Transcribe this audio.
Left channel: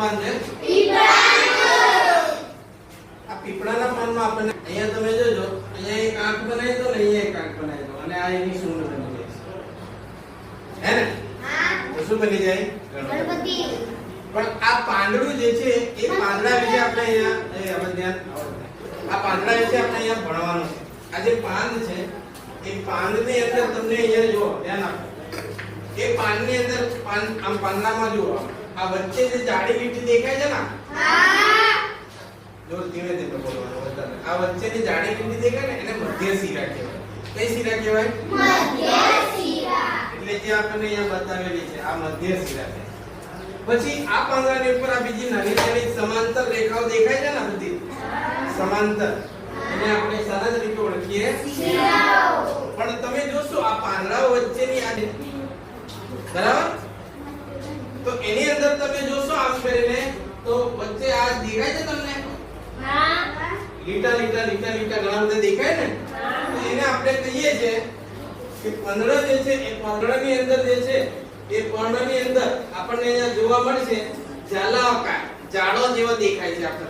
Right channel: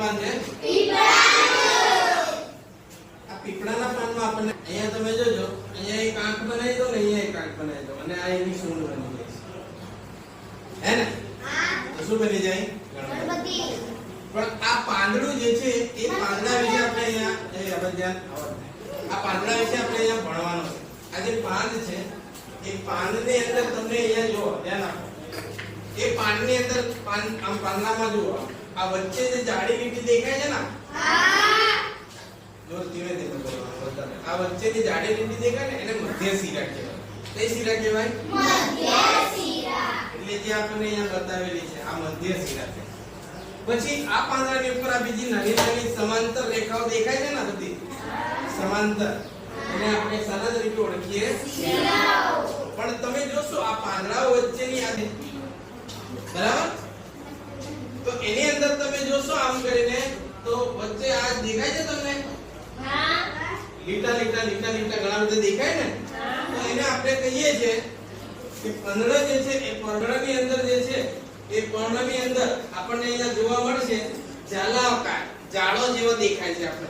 આ પીપળાના પાનમાં આપણને અહીંયા તમે જોજો, અહીંયા એક આંખ બનાવી દો ને અહીંયા એક આંખ બનાવી દો અને આ એની સૂંઢ બની જાય હે ને? તો શું બની જાય? ગણપતિ. પણ આ પાંદડું જે છે એ પાંદડા વિશે આપણે અહીંયા આ પાંદડા વિશે આપણે અહીંયા ભણવાનું છે. આ જે પાંદ છે એ પાંદની અંદર તમને અહીંયા જો ધ્યાન આપો, એ પાંદની અંદર આમ પાંદડામાં જુઓ, આ વચ્ચે જે જાડી લીટી દેખાય છે ને, જોર ધીરે ધીરે બોલવાનું વધારે, આ વચ્ચેની જાડી લીટી દેખાય ને એને મધ્ય શિરા કહેવાય. કઈ શિરા કહેવાય? મધ્ય શિરા. એટલે જે આપણને અહીંયા બતાવેલી છે આ મધ્ય શિરા છે. પછી આ પાંદડાની ઉપર આ બીજી નાની નાની સમાંતર રેખાઓ દેખાય છે ને, બધી સમાંતર, એને આપણે સરસ રીતે ઓળખીએ શિરાઓ. પણ તમે જોશો આ પાંદડાઓ વચ્ચેની આ બરાબર, તો એની અંદર તમે જોશો આમ કરીને તો વચ્ચે આ દેખાય છે તમને? લીટા લીટા લીટા લીટા ઘણા બધા દેખાય ને, તો એને આપણે કહીએ છીએ કે પાંદડા જે છે એ પાંદડાની અંદર જે છે એ પર્ણની અંદર આપણને અહીંયા જોવા મળશે જાલા આકાર, જાળો જેવો દેખાય છે આપણે.